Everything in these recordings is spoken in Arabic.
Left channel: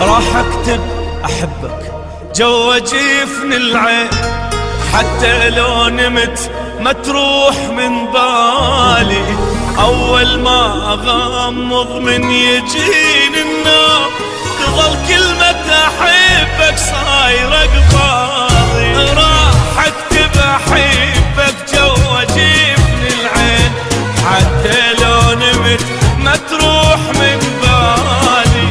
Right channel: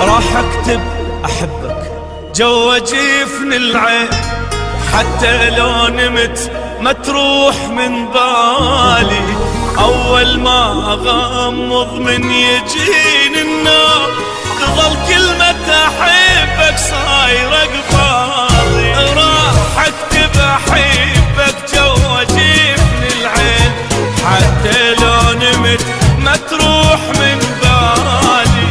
راح اكتب احبك جوا جفن العين، حتى لو نمت ما تروح من بالي. اول ما اغمض من يجيني النوم تظل كلمة احبك صايرة قبالي. راح اكتب احبك جوا جفن العين، حتى لو نمت ما تروح من بالي.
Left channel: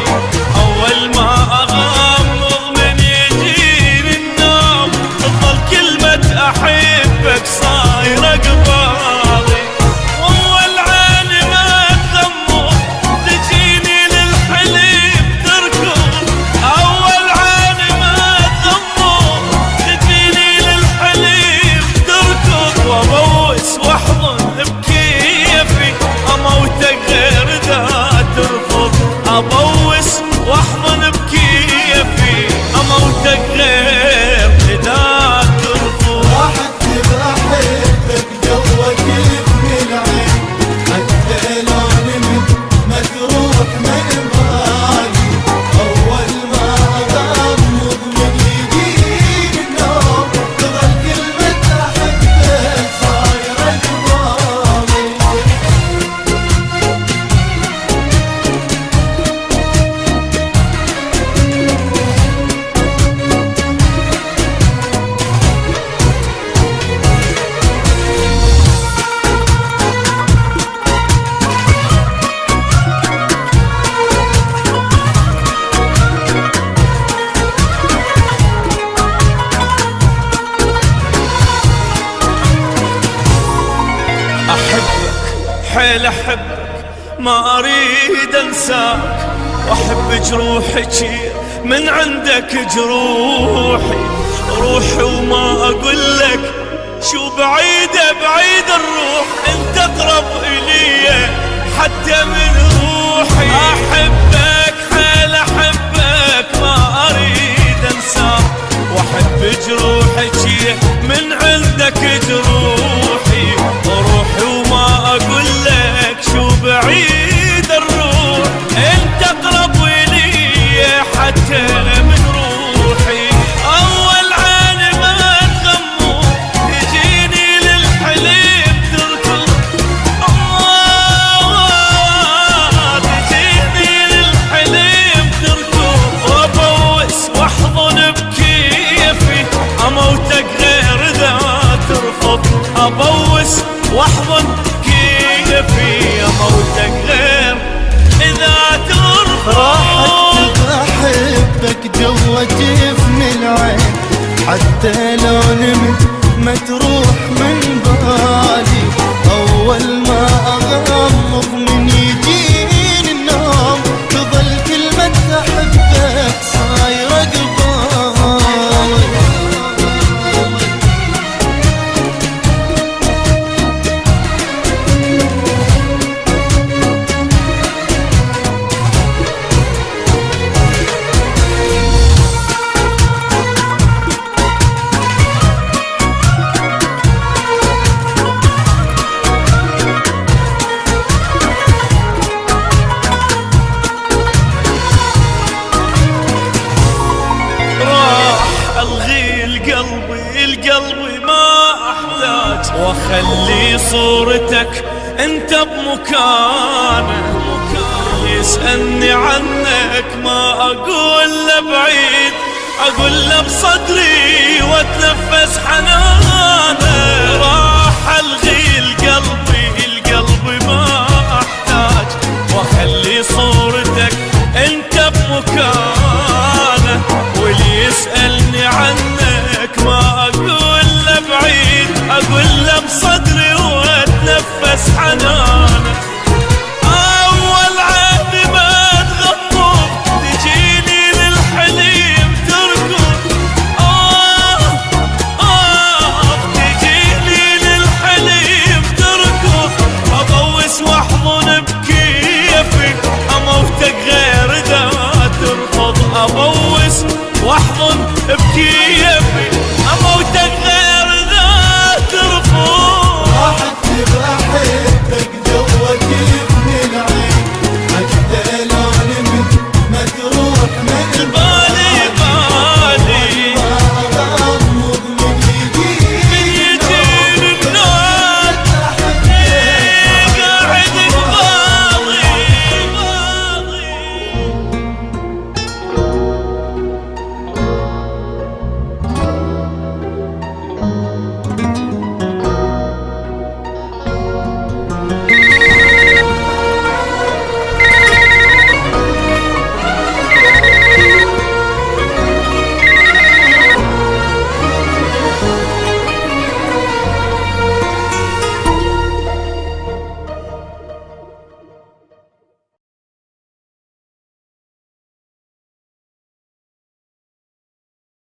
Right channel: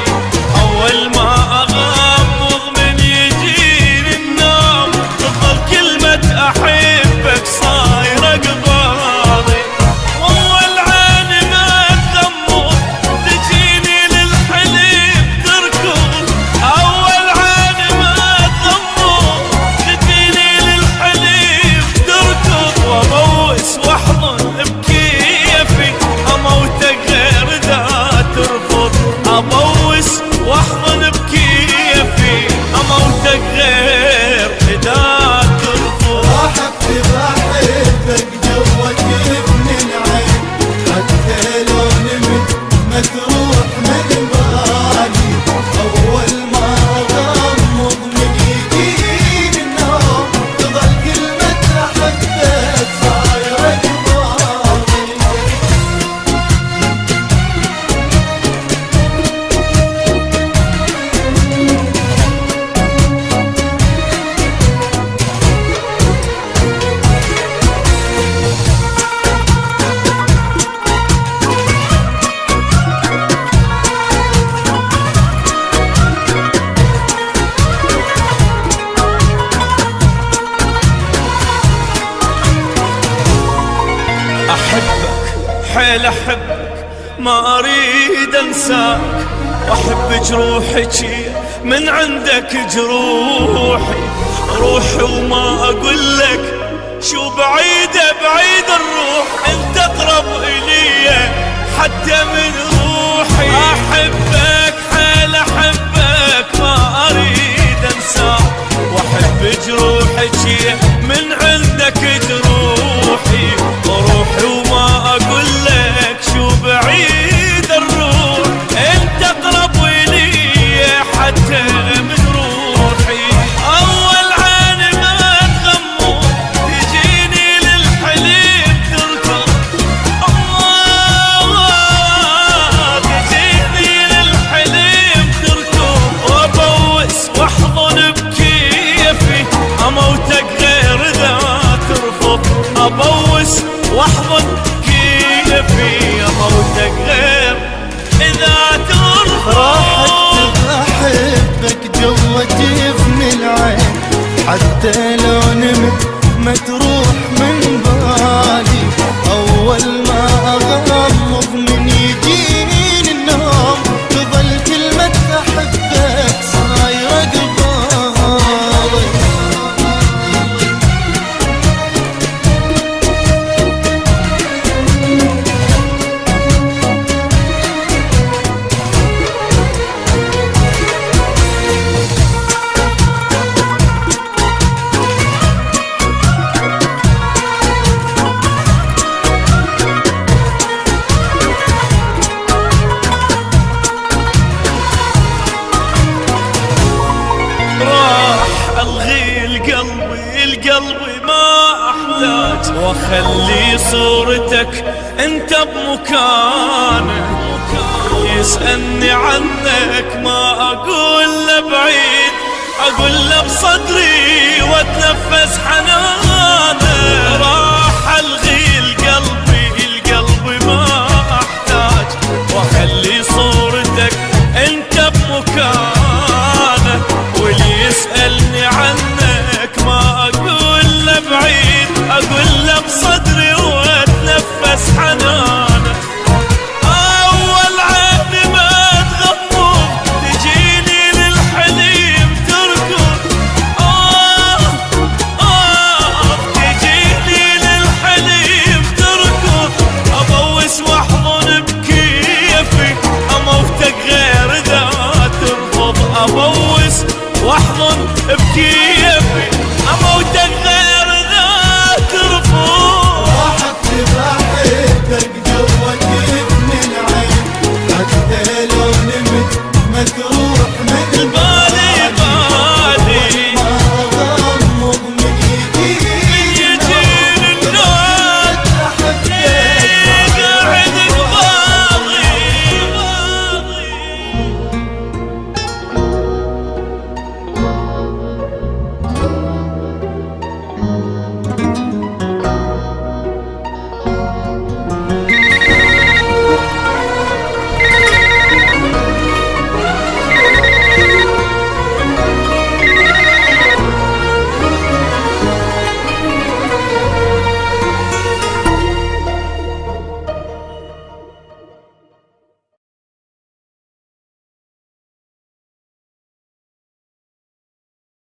اول ما اغمض من يجيني النوم تظل كلمة احبك صايرة قبالي. واول عين ما تغمض تجيني للحليم تركض. اول عين ما تغمض تجيني للحليم تركض. وابوس واحضن بكيفي اموتك غير ذا ترفض. ابوس واحضن بكيفي اموتك غير ذا ترفض. راح اكتب احبك جوا جفن العين، حتى لو نمت ما تروح من بالي. اول ما اغمض من يجيني النوم تظل كلمة احبك صايرة قبالي. احبك حيل احبك ما اريد انساك، واحب جروحك من عندك جروحي. روحي وما اقول لك شو بعيدة بعيد الروح، انت اقرب الي حتى من روحي. احبك حيل احبك ما اريد انساك، واحب جروحك من عندك جروحي. روحي وما اقول لك شو بعيد الروح، انت اقرب الي حتى من روحي. اول عين ما تغمض تجيني للحليم تركض. تجيني للحليم تركض. وابوس واحضن بكيفي اموتك غير ذا ترفض. ابوس واحضن كيفي اموتك غير اذا ترفض. راح اكتب احبك جوا جفن العين، حتى لو نمت ما تروح من بالي. اول ما اغمض من يجيني النوم تظل كلمة احبك صايرة قبالي. الغي القلبي ما احتاج، واخلي صورتك انت بمكانه. يسألني عنك ما اقول له بعيد، اقول له بصدري واتنفس حنانه. راح الغي القلبي ما احتاج، واخلي صورتك انت بمكانه. واللي يسألني عنك ما اقول له بعيد، اقول له بصدري واتنفس حنانه. اول عين ما تغمض تجيني للحليم تركض. تجيني للحليم تركض. ابوس واحضن بكيفي اموتك غير ذا ترفض. ابوس واحضن بكيفي